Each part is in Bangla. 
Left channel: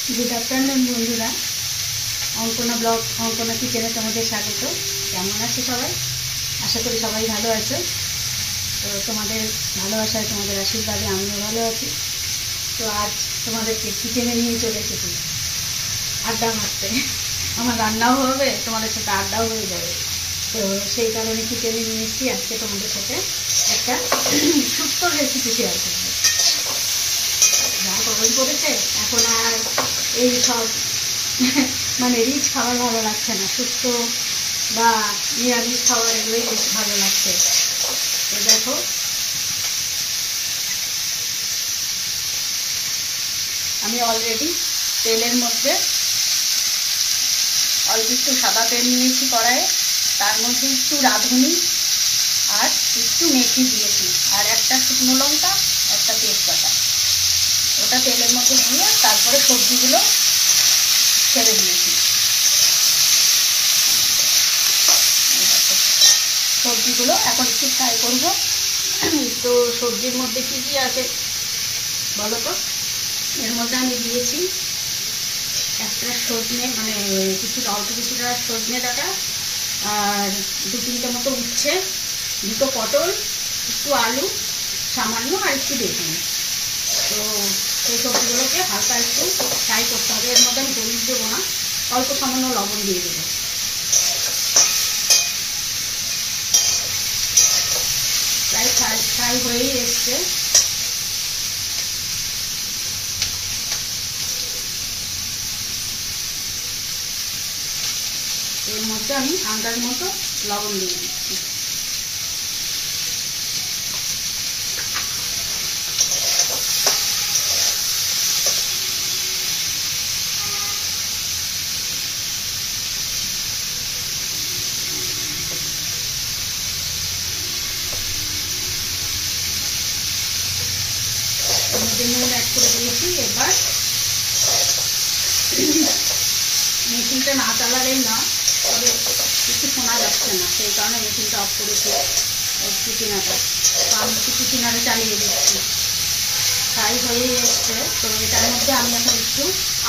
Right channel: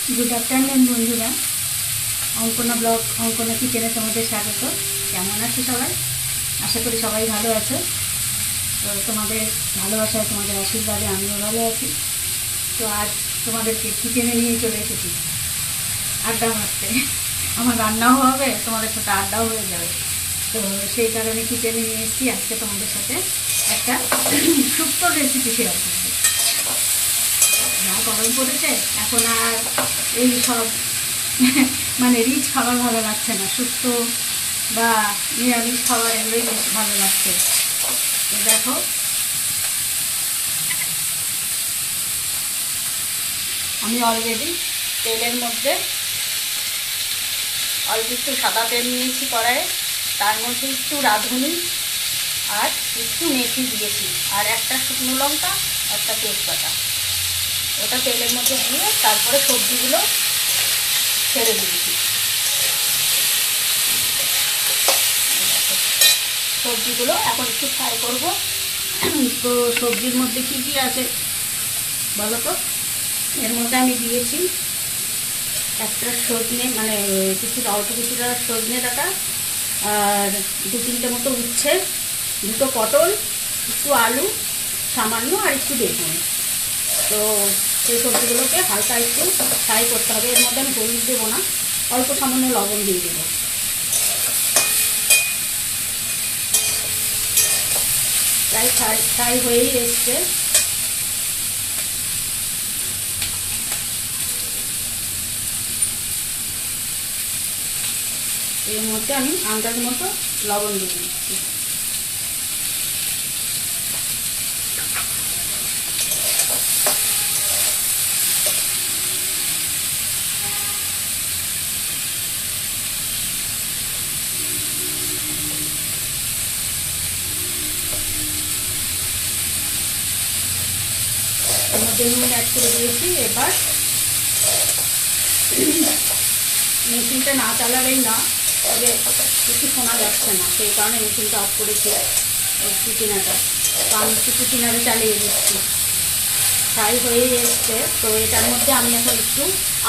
गुड आफ्टरनून बंधुरा अंकना ब्लग अंकना किचेने तुम्हारे स्वागत। केमन आছো सबाई? आशा करी सबाई भालो आছো। तो तुम्हारे भालोबासाय तुम्हारे आशीर्वादे आमिও भालो आছি। तो आज তোমাদেরকে কিচেনে নিয়ে চলে এসেছি আড্ডা মারতে। আমার রান্নাও হবে, তোমাদের সাথে আড্ডাও হয়ে যাবে। তো সেই কারণে কিচেনে নিয়ে এসেছি আজকে তোমাদের সাথে একটা সুন্দর রেসিপি শেয়ার করব। যা গরম পড়েছে এখন আর এই সব মানে রিচ খাবার ভালো লাগছে না, শুক্তো বা নিরামিষ খাবার এগুলোই বেশ ভালো লাগছে। তো দেখো আমি অলরেডি তেলের মধ্যে অল্প একটু সাদা তেল নিয়েছি কড়াইয়ে, তার মধ্যে একটু রাঁধুনি আর একটু মেথি দিয়েছি আর একটা শুকনো লঙ্কা একটা তেজপাতা, ওটা তেলের মধ্যে দিয়ে তারপরে সবজিগুলো ছেড়ে দিয়েছি। সবজিগুলো এখন একটু ফ্রাই করব। তো সবজির মধ্যে কি কি আছে বলো তো? এর মধ্যে আমি দিয়েছি একটা সজনে, মানে অল্প কিছুটা সজনে ডাঁটা, আর 2-3টে মতো উচ্ছে, 2টো পটল, একটু আলু সামান্য আর একটু বেগুন। তো সেই সবজিগুলোকে হালকা একটু ফ্রাই করতে হবে। এর মধ্যে আমি হলুদ দেবো না, অল্প সামান্য লবণ দিয়ে দেবো। প্রায় ফ্রাই হয়েই এসছে। এর মধ্যে আমি আন্দাজ মতো লবণ দিয়ে দিচ্ছি। এর মধ্যে নুন অ্যাড করে দিয়েছি। এবার মেশিনটা না চালালেই না, তবে কিছু শোনা যাচ্ছে না, সেই কারণে মেশিনটা অফ করেছি চিচিনাটা। তো আমি একটু চিচিনাটা চালিয়ে দিচ্ছি। ফ্রাই হয়ে এসছে। তো এটার মধ্যে আমি এখন একটু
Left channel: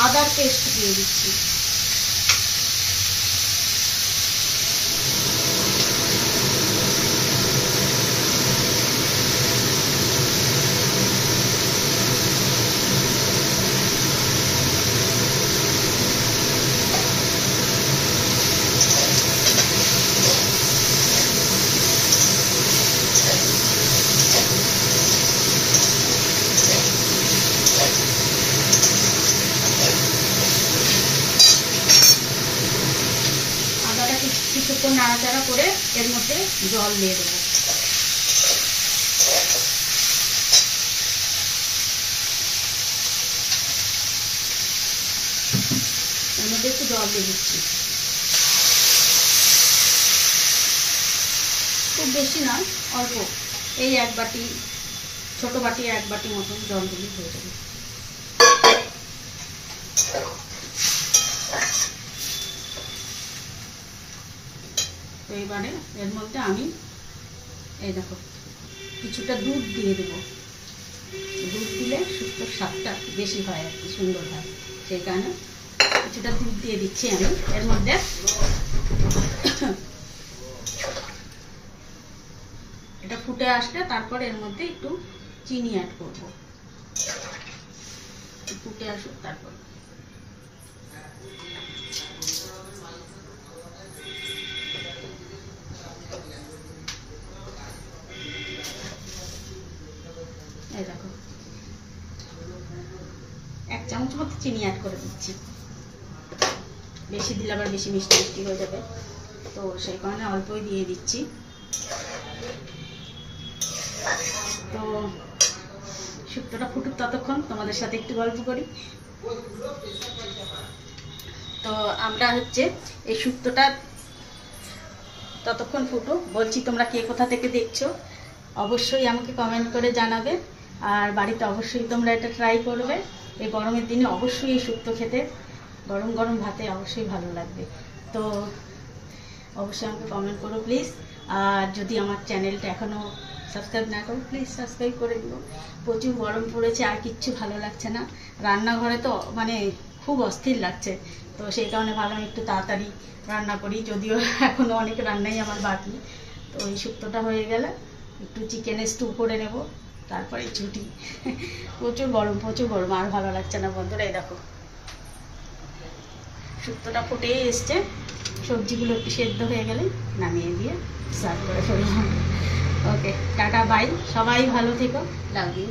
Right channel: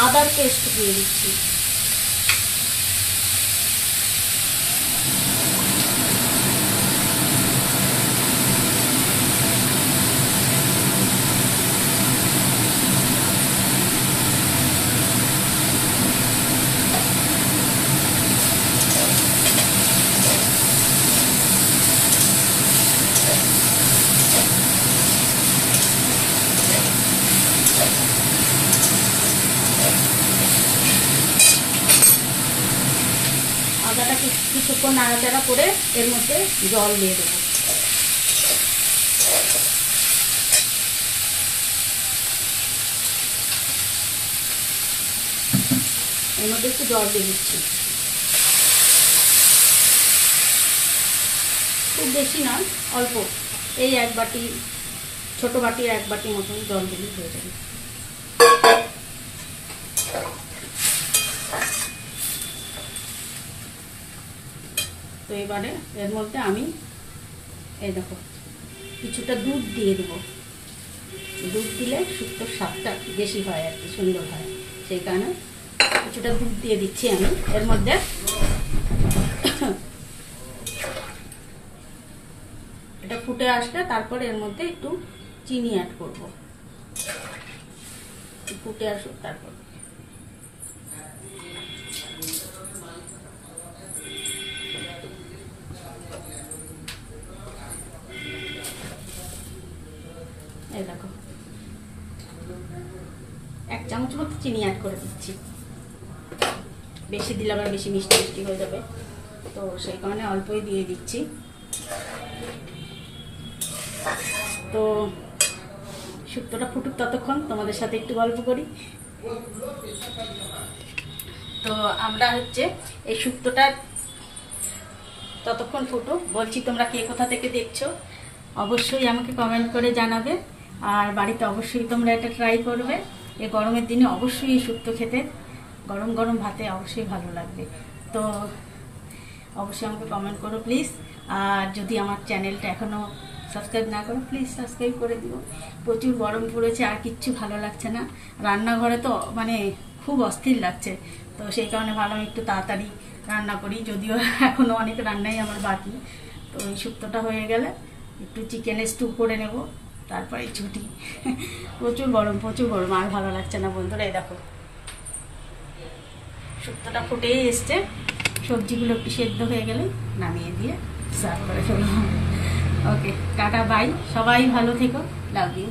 আদার পেস্ট দিয়ে দিচ্ছি। কিছুক্ষণ নাড়াচাড়া করে এর মধ্যে জল দিয়ে দেবো। এর মধ্যে একটু জল দিয়ে দিচ্ছি, খুব বেশি না, অল্প, এই 1 বাটি, ছোট বাটি 1 বাটি মতন জল দিলে হয়ে যাবে। তো এবারে এর মধ্যে আমি এই দেখো কিছুটা দুধ দিয়ে দেবো। দুধ দিলে শুক্তোর স্বাদটা বেশি হয় আর কি, সুন্দর হয়, সেই কারণে কিছুটা দুধ দিয়ে দিচ্ছি আমি এর মধ্যে। এটা ফুটে আসলে তারপরে এর মধ্যে একটু চিনি অ্যাড করবো। ফুটে আসুক তারপর। এই দেখো 1 চামচ মতো চিনি অ্যাড করে দিচ্ছি। বেশি দিলে আবার বেশি মিষ্টি মিষ্টি হয়ে যাবে, তো সেই কারণে অল্পই দিয়ে দিচ্ছি। তো শুক্তোটা ফুটুক ততক্ষণ তোমাদের সাথে একটু গল্প করি। তো আমরা এই শুক্তোটা ততক্ষণ ফুটুক, বলছি তোমরা কে কোথা থেকে দেখছো অবশ্যই আমাকে কমেন্ট করে জানাবে। আর বাড়িতে অবশ্যই তোমরা এটা ট্রাই করবে। এই গরমের দিনে অবশ্যই এই শুক্তো খেতে গরম গরম ভাতে অবশ্যই ভালো লাগবে। তো অবশ্যই আমাকে কমেন্ট করো প্লিজ। আর যদি আমার চ্যানেলটা এখনও সাবস্ক্রাইব না করো প্লিজ সাবস্ক্রাইব করে দিও। প্রচুর গরম পড়েছে, আর কিচ্ছু ভালো লাগছে না। রান্নাঘরে তো মানে খুব অস্থির লাগছে। তো সেই কারণে ভাবলাম একটু তাড়াতাড়ি রান্না করি, যদিও এখনও অনেক রান্নাই আমার বাকি। তো এই শুক্তোটা হয়ে গেলে একটু চিকেনের স্টু করে নেব, তারপরে ছুটি। প্রচুর গরম, প্রচুর গরম, আর ভালো লাগছে না বন্ধুরা। এই দেখো শুক্তোটা ফুটেই এসছে, সবজিগুলো একটু সেদ্ধ হয়ে গেলে নামিয়ে দিয়ে সার্ভ করে ফেললাম। ওকে, টাটা, বাই, সবাই ভালো থেকো, লাভ ইউ।